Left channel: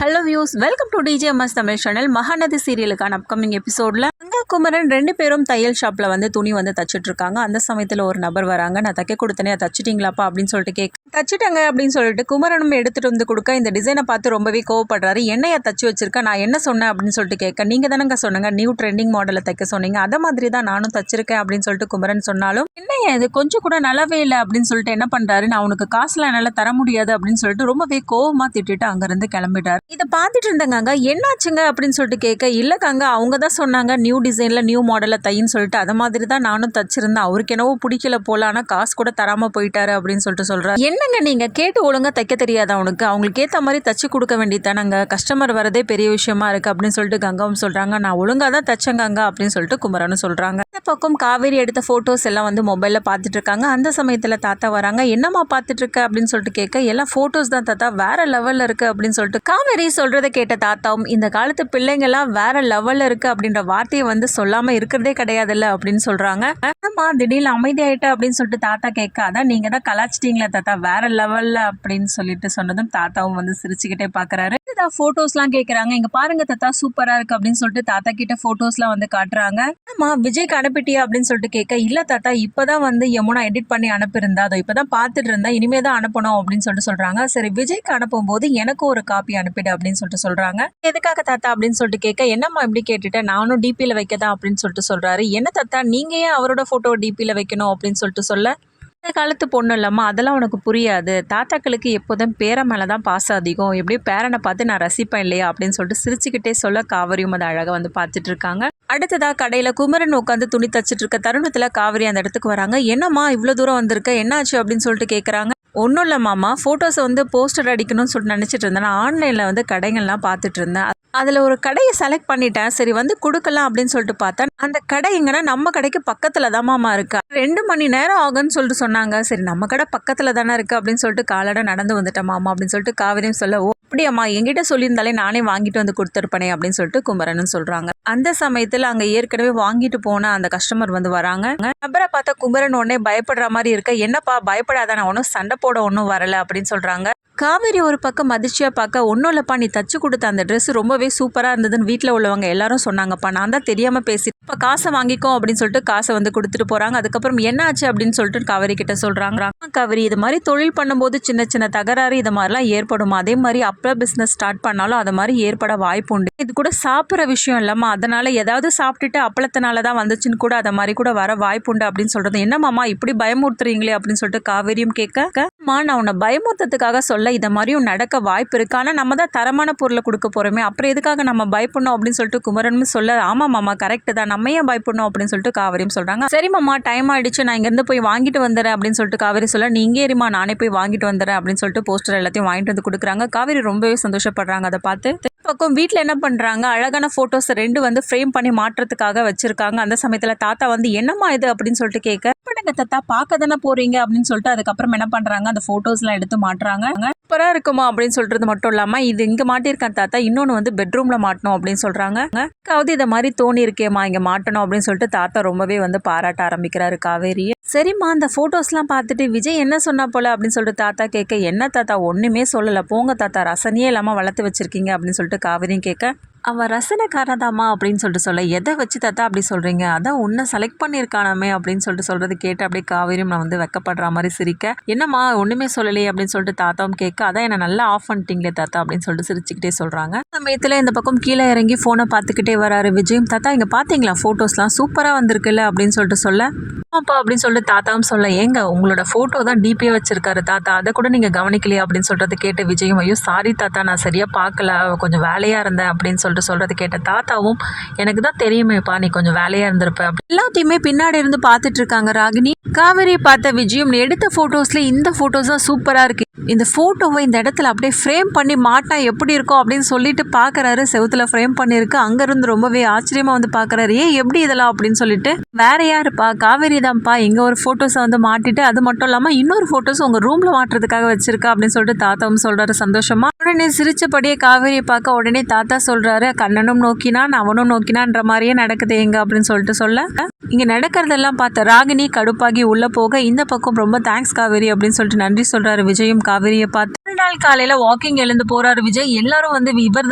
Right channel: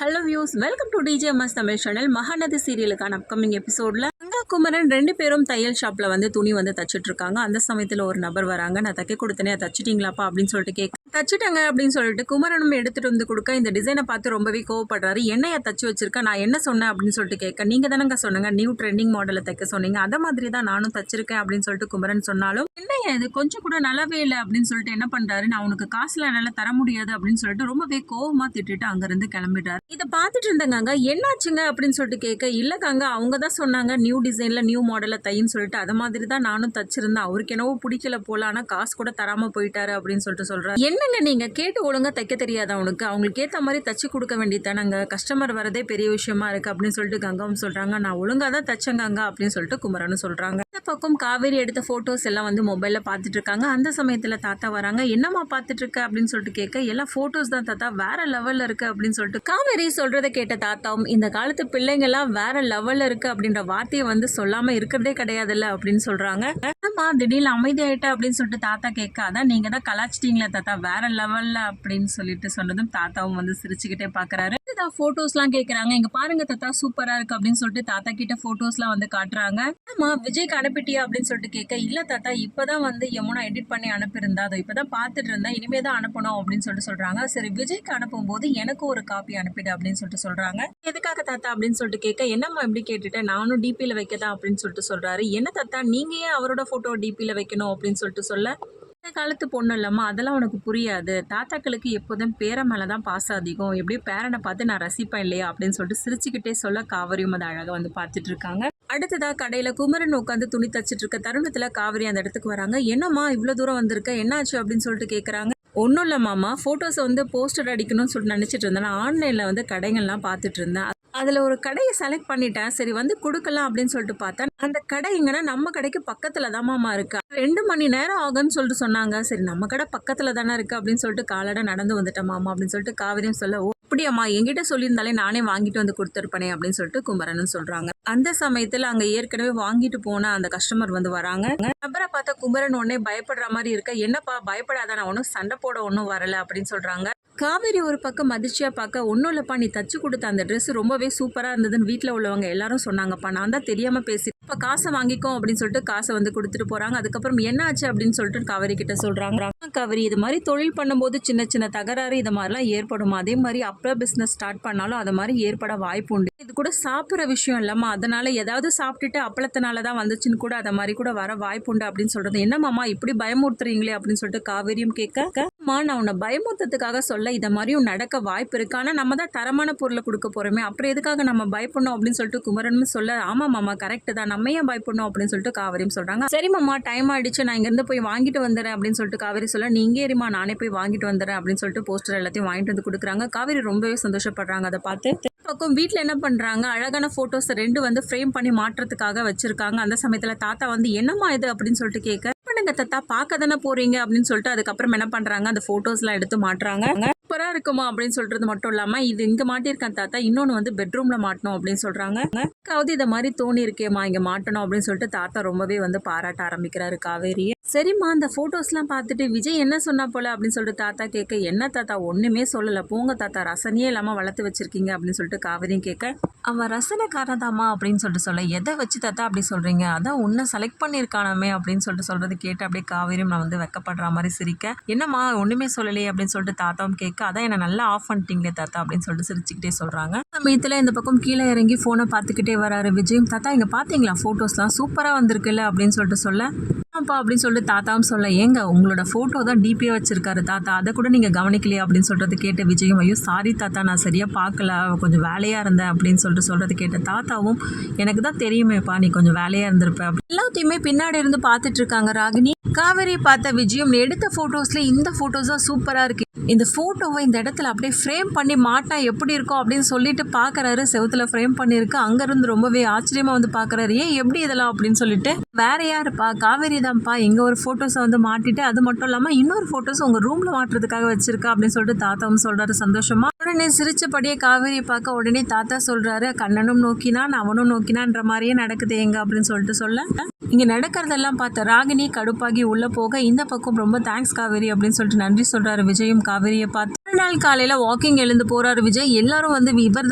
Hello views, welcome to DJMS Tamil channel. Mahanadi சீரியலுக்கான upcoming எபிசோடில் குமரன் 2 பேரும் தையல் ஷாப்பில் துணி தச்சுட்டு இருக்காங்க. அந்த சமயத்தில் ஒரு நபர் வராங்க. நான் தைக்க கொடுத்தனே, தச்சிட்டிங்களாப்பா அப்படின்னு சொல்லிட்டு கேட்க, தச்சிட்டங்க அப்படின்னு சொல்லிட்டு குமரனும் எடுத்துகிட்டு கொடுக்க இந்த டிசைனை பார்த்து ரொம்பவே கோவப்படுறாரு. என்னையா தச்சு வச்சிருக்கேன், நான் என்ன சொன்னேன் அப்படின்னு சொல்லிட்டு கேட்க, நீங்கள் தானங்க சொன்னீங்க நியூ ட்ரெண்டிங் மாடலில் தைக்க சொன்னீங்க, அதை மாதிரி தான் நானும் தச்சிருக்கேன் அப்படின்னு சொல்லிட்டு குமரன் சொன்னாலும், என்னையா இது கொஞ்சம் கூட நல்லாவே இல்லை அப்படின்னு சொல்லிட்டு என்ன பண்ணுறாரு, நான் உனக்கு காசுலாம் என்னால் தர முடியாது அப்படின்னு சொல்லிட்டு ரொம்பவே கோவமாக திட்டிட்டு அங்கேருந்து கிளம்பிட்டார். இதை பார்த்துட்டு இருந்தாங்க. என்னாச்சுங்க அப்படின்னு சொல்லிட்டு கேட்க, இல்லைக்காங்க அவங்க தான் சொன்னாங்க நியூ டிசைனில் நியூ மாடலில் தைன்னு சொல்லிட்டு, அதை மாதிரி தான் நானும் தச்சிருந்தேன், அவருக்கு என்னவோ பிடிக்கல போல, ஆனால் காசு கூட தராமல் போயிட்டாரு அப்படின்னு சொல்லிட்டு சொல்கிறார். என்னங்க நீங்கள் கேட்டு ஒழுங்காக தைக்க தெரியாதா அவனுக்கு, அவங்களுக்கு ஏற்ற மாதிரி தச்சு கொடுக்க வேண்டியதானங்க, கஸ்டமர் வரதே பெரிய விஷயமா இருக்குது அப்படின்னு சொல்லிட்டு கங்காவும் சொல்கிறாங்க. நான் ஒழுங்காக தான் தச்சேங்க அப்படின்னு சொல்லிட்டு குமரனும் சொல்கிறாங்க. இந்த பக்கம் காவேரி எடுத்த ஃபோட்டோஸ் எல்லாம் மொபைலில் பார்த்துட்டு இருக்காங்க. அந்த சமயத்தில் தாத்தா வராங்க. என்னம்மா பார்த்துட்டு இருக்க அப்படின்னு சொல்லிட்டு கேட்க, எல்லாம் ஃபோட்டோஸ் தான் தாத்தா, வேற லெவலில் இருக்குது அப்படின்னு சொல்லிட்டு காவேரி சொல்கிறத கேட்ட தாத்தாவும், இந்த காலத்து பிள்ளைங்கள்லாம் வேற லெவலில் இருக்குது அப்படின்ற வார்த்தையை சொல்லாமல் இருக்கிறதே கிடையாதுல்ல அப்படின்னு சொல்கிறாங்க. அம்மா திடீர்னு அமைதியாயிட்ட அப்படின்னு சொல்லிட்டு தாத்தா கேட்க, அதான் நீங்கள் தான் கலாச்சிட்டீங்களே தாத்தா வேற லெவலில் அப்படின்னு சொல்லிட்டு சொன்னதும் தாத்தாவும் சிரிச்சுக்கிட்டே பார்க்குறாரு. ஃபோட்டோஸ்லாம் கேட்குறாங்க. இங்கே பாருங்க தாத்தா சூப்பராக இருக்குது அப்படின்னு சொல்லிட்டு தாத்தா கிட்ட ஃபோட்டோஸ்லாம் காட்டுறாங்க. ஆமா விஜய்க்கு அனுப்பிட்டியா அப்படின்னு சொல்லிட்டு கேட்க, இல்லை தாத்தா இப்போ தான் யமுனா எடிட் பண்ணி அனுப்பியிருந்தா, அதை இப்போ தான் பார்த்துட்டு இருந்தேன், இனிமே தான் அனுப்பணும் அப்படின்னு சொல்லிட்டு சொல்கிறாங்க. சரி விஜய்க்கு அனுப்பும் போது எனக்கு ஒரு காப்பி அனுப்பிடு அப்படின்னு சொல்லிட்டு சொல்கிறாங்க. எதுக்காக தாத்தா அப்படின்னு சொல்லிட்டு கேட்க, என்னம்மா இப்படி கேட்டுட்டேன், நானும் டிபியில் வைக்கதான் அப்படின்னு சொல்லிட்டு சொல்கிறாரு. என்ன தாத்தா நீங்கள் ஏன் அவரோட ஃபோட்டோ டிபியில் வைக்கணும் அப்படின்னு சொல்லிட்டு சொல்ல, இந்த காலத்து பொண்ணு இல்லம்மா, அதெல்லாம் உனக்கு புரியாது, தாத்தாக்களுக்கு எப்போதும் பேரை மேலே தான் பாசம் அதிகம், எப்படியும் பேரனை பார்த்து நான் ரசிப்பேன் இல்லையா அப்படின்னு சொல்லிட்டு சிரிச்சுக்கிட்டே சொல்ல, காவிரியும் அதை அழகாக பார்த்துட்டு இருக்காங்க. அடுத்ததாக கடையில் குமரன் உட்காந்து துணி தச்சுட்டு இருக்க தருணத்தில் காவிரி அந்த இடத்துக்கு வராங்க. என்னம்மா இவ்வளோ தூரம் வந்திருக்க, என்னாச்சு அப்படின்னு சொல்லிட்டு கேட்குறாங்க. ஒன்றும் இல்லை மாமா, ஃபோட்டோஸை போஸ்டர் அடிக்கணும்னு சொல்லிட்டு நினச்சிட்டு இருந்தேன், நான் ஆன்லைனில் கடைகள்லாம் பார்த்துட்டு இருந்தேன், அதில் ஒரு கடையை செலக்ட் பண்ணிட்டேன், சரி கொடுக்கலாம் அப்படின்னு சொல்லிட்டு பார்த்தா, அந்த கடை எங்கன்னா நம்ம கடைக்கு பக்கத்தில் தான் மாமா இருக்கா, 2 மணி நேரம் ஆகும்னு சொல்லிட்டு சொன்னாங்க. சரி நம்ம கடை பக்கத்தில் தானே இருக்குது அப்படின்னு சொல்லிட்டு காலடை நடந்து வந்துட்டேன் மாமா அப்படின்னு சொல்லிட்டு காவிரியும் சொல்ல, ஓ அப்படியாம்மா, என்கிட்ட சொல்லியிருந்தாலே நானே வாங்கிட்டு கொடுத்துருப்பேனே அப்படின்னு சொல்லிட்டு குமரனும் சொல்கிறாங்க. அந்த சமயத்தில் அங்கே ஏற்கனவே வாங்கிட்டு போன அந்த கஸ்டமர் வராங்க. நபரை பார்த்தா குமரன் உடனே பயப்படுற மாதிரி இருக்க, என்னப்பா பயப்படாத, நான் ஒன்றும் சண்டை போட ஒன்றும் வரலை அப்படின்னு சொல்கிறாங்க. காவேரி ஒரு பக்கம் அதிர்ச்சியாக பார்க்க, ஒன்றும் இல்லைப்பா நீ தச்சு கொடுத்த அந்த ட்ரெஸ் ரொம்பவே சூப்பராக இருந்ததுன்னு வீட்டில் உள்ளவங்க எல்லாரும் சொன்னாங்கப்பா, நான் தான் தெரியாமல் பேசி இப்போ காசை வாங்கிக்கோ அப்படின்னு சொல்லிட்டு காசை கொடுத்துட்டு போகிறாங்க. அதுக்கப்புறம் என்ன ஆச்சு அப்படின்னு சொல்லிட்டு காவேரி கிட்ட சொல்கிறாங்க. காவேரி இது மாதிரி தொழில் பண்ணும்போது சின்ன சின்ன தகராறு இது மாதிரிலாம் ஏற்படும், அதே மாதிரி அப்போ பிஸ்னஸ் ஸ்டார்ட் பண்ணாலும் அது மாதிரி ஏற்பட வாய்ப்பு உண்டு, இது கூட சாப்பிட்ற விஷயம் இல்லாமல் அதனால ஏதாவது சாப்பிட்டுட்டு அப்பளத்தினால தான் வந்துச்சுன்னு கூட அதை மாதிரி கூட வர வாய்ப்பு உண்டு அப்படின்னு சொல்கிறது. என்னம்மாமா இப்படி பயமுறுத்துறீங்களே அப்படின்னு சொல்லிட்டு காவேரியும் கேட்க, நான் உன்னை பயமுறுத்ததுக்காக சொல்ல, இதை மாதிரியும் நடக்க வாய்ப்பு இருக்கு, ஆனால் நம்ம தான் தரமான பொருளை கொடுக்க போகிறோமே, அப்புறம் எதுக்காக நம்ம பயப்படணும் அப்படின்னு சொல்லிட்டு குமரனும் சொல்ல, ஆமாம் மாமா கரெக்டு தான், நம்ம ஏன் பயப்படணும் அப்படின்னு சொல்லிட்டு காவேரியும் சொல்கிறாங்க. சரி மாமா டைம் ஆகிடுச்சு, நான் இங்கேருந்து போய் வாங்கிட்டு வந்துடுறேன் அப்படின்னு சொல்லிட்டு காவேரி சொல்ல, நீ இங்கே இருமா நானே போய் வாங்கிட்டு வந்துடுறேன் அப்படின்னு சொல்லிட்டு போஸ்டர் எல்லாத்தையும் வாங்கிட்டு கொடுக்குறாங்க. காவேரி ரொம்பவே சந்தோஷப்படுறாங்க அதை பார்த்து. பக்கம் வீட்டில் என்ன பண்ணுறாங்க, அழகான ஃபோட்டோஸ் 2 ஃப்ரேம் பண்ணி மாட்டுறதுக்காக வச்சுருக்காங்க. அந்த சமயத்தில் தாத்தா என்னம்மா இது அப்படின்னு சொல்லிட்டு கேட்க, பண்ணுங்க தாத்தா பார்க்க தானே போகிறீங்க அப்படின்னு சொல்லிட்டு அதுக்கப்புறம் என்ன பண்ணுறாங்க, அந்த ஃபோட்டோஸ்லாம் எடுத்து மாட்டுறாங்க. சூப்பராக இருக்குமா அப்படின்னு சொல்கிறது மட்டும் இல்லாமல், இது இங்கே மாட்டியிருக்கேன் தாத்தா, இன்னொன்று பெட்ரூமில் மாட்டணும் அப்படின்னு சொல்கிறாங்க. அதாவது இதை மாதிரி தோணி இருக்கேம்மா இங்கே மாட்டணும் அப்படின்னு சொல்லிட்டு தாத்தா ரொம்பவே பாராட்ட ஆரம்பிக்கிறாரு காவேரியை. சரிம்மா அந்த ஃபோட்டோஸ்லாம் பார்த்துட்டு விஜய் என்ன சொன்னா போல அப்படின்னு சொல்லிட்டு தாத்தா கேட்க, என்ன தாத்தா ஒன்றுமே சொல்லலை, போங்க தாத்தா ரசனையே இல்லாமல் வளர்த்து வச்சிருக்கீங்க அப்படின்னு சொல்லிட்டு காவேரியும் கேட்க, அவன் ரசனைக்காரதாமா அப்படின்னு சொல்லிட்டு சொல்ல, எதை வச்சு தாத்தா அப்படி சொல்கிறீங்க, அதான் உன்னை செலக்ட் பண்ணியிருக்கானமே அப்படின்னு சொல்லிட்டு சொல்கிறது கேட்டு அப்படியே காவேரியும் நான் வெக்கப்படுற மாதிரி சிரிக்க, என்னம்மா ஒன்றுமே சொல்லலையே அப்படின்னு சொல்லிட்டு தாத்தாவும் கேட்க, அதான் என்னை நல்லா ஆஃப் பண்ணிட்டீங்களே தாத்தா அப்படின்னு சொல்லிட்டு சிரிச்சுக்கிட்டே சொல்கிறாங்க. சமயத்தில் இந்த பக்கம் கீழே இறங்கி ஃபோனை பார்த்துக்கிட்டே வராரு விஜயும். தாத்தா இங்கே பார்த்தீங்களா ஃபோட்டோஸ்லாம் சூப்பராக வந்திருக்குல்ல அப்படின்னு சொல்லிட்டு சொல்ல, ஆமாப்பா அப்படின்னு சொல்லிட்டு தாத்தாவும் சொல்ல, ஏங்க உங்களோட ஃபோட்டோ தான் டிபியே வச்சிருக்காரு தாத்தா, அதை கூட நீங்கள் கவனிக்கலையா அப்படின்னு சொல்கிறது கேட்ட விஜயும், ஐயோ சாரி தாத்தா நான் சரியாக பார்க்கல, கொஞ்சம் வேலையாக இருந்தேன் அப்படின்னு சொல்கிறது கேட்ட தாத்தாவும், எனக்கு தான் தெரியுமேப்பா நீ கொஞ்சம் வேலையாக இருந்திருப்ப, எல்லாத்தையுமே பின்னாடி இருந்து பார்த்துட்டு இருக்காங்க ராகினி. காவேரியை பார்த்த விஜயம், நீ எடுத்த ஃபோட்டோஸ்ல இந்த ஃபோட்டோஸ் தான் சூப்பராக இருக்கு, இந்த ஃபோட்டோவை இந்த இடத்துல அப்படியே ஃப்ரேம் பண்ணி மாட்டா எப்படி இருக்கும் அப்படின்னு சொல்லிட்டு பார்க்குறாரு. செவுத்துல ஃப்ரேம் பண்ணியிருக்கு. அங்கேருந்து ரொம்பவே ஆச்சரியமாக பார்க்குறாரு. எப்படி இதெல்லாம் அப்படின்னு சொல்லிட்டு, வேற யாருப்பா காவேரி தான்ப்பா, இங்கே ஒரு ஃபோட்டோஸை மாட்டிட்டு அது மட்டும் இல்லாமல் இன்னொரு ஃபோட்டோஸ் உங்கள் ரூமில் மாட்டுறதுக்காக வச்சிருக்கா அப்படின்னு சொல்லிட்டு தாத்தாவும் சொல்கிறாரு சந்தோஷமா. உடனே சிரிச்சபடியே காவேரியை பார்க்க உடனே தாத்தா சொல்கிறாரு, கண்ணனும் நோக்கினான் அவனும் நோக்கினான்ற மாதிரியே நடக்குது எங்க அப்படின்னு சொல்லிட்டு சொல்ல, இங்கே நடக்கிறதெல்லாம் பார்த்த ராகினி கடுப்பாகி உள்ளே போக, இந்த பக்கம் ரொம்ப தேங்க்ஸ் காவேரி அப்படின்னு சொல்லிட்டு நன்றி சொல்கிறாரு விஜயும் காவேரியை பார்த்து. ஒரு நாள் காலையில் வாக்கிங் எழுந்து போகிறாரு விஜய். எல்லாரும் வந்து இவர்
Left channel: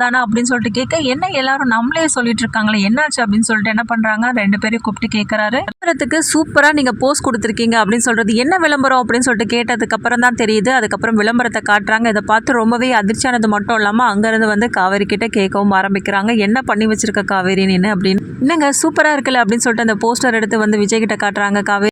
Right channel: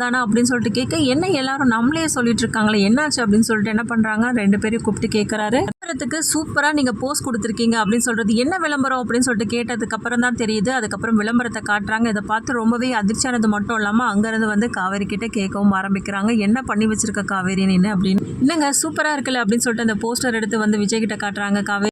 தானா அப்படின்னு சொல்லிட்டு கேட்க, என்ன எல்லாரும் நம்மளே சொல்லிட்டு இருக்காங்களே என்னாச்சு அப்படின்னு சொல்லிட்டு என்ன பண்ணுறாங்க, 2 பேரையும் கூப்பிட்டு கேட்குறாரு. விளம்பரத்துக்கு சூப்பராக நீங்கள் போஸ்ட் கொடுத்துருக்கீங்க அப்படின்னு சொல்கிறது என்ன விளம்பரம் அப்படின்னு சொல்லிட்டு கேட்டதுக்கப்புறம் தான் தெரியுது. அதுக்கப்புறம் விளம்பரத்தை காட்டுறாங்க. இதை பார்த்து ரொம்பவே அதிர்ச்சியானது மட்டும் இல்லாமல் அங்கேருந்து வந்து காவேரி கிட்ட கேட்கவும் ஆரம்பிக்கிறாங்க, என்ன பண்ணி வச்சிருக்க காவேரி நீ அப்படின்னு. என்னங்க சூப்பராக இருக்குல்ல அப்படின்னு சொல்லிட்டு அந்த போஸ்டர் எடுத்து வந்து விஜய் கிட்ட காட்டுறாங்க காவேரி.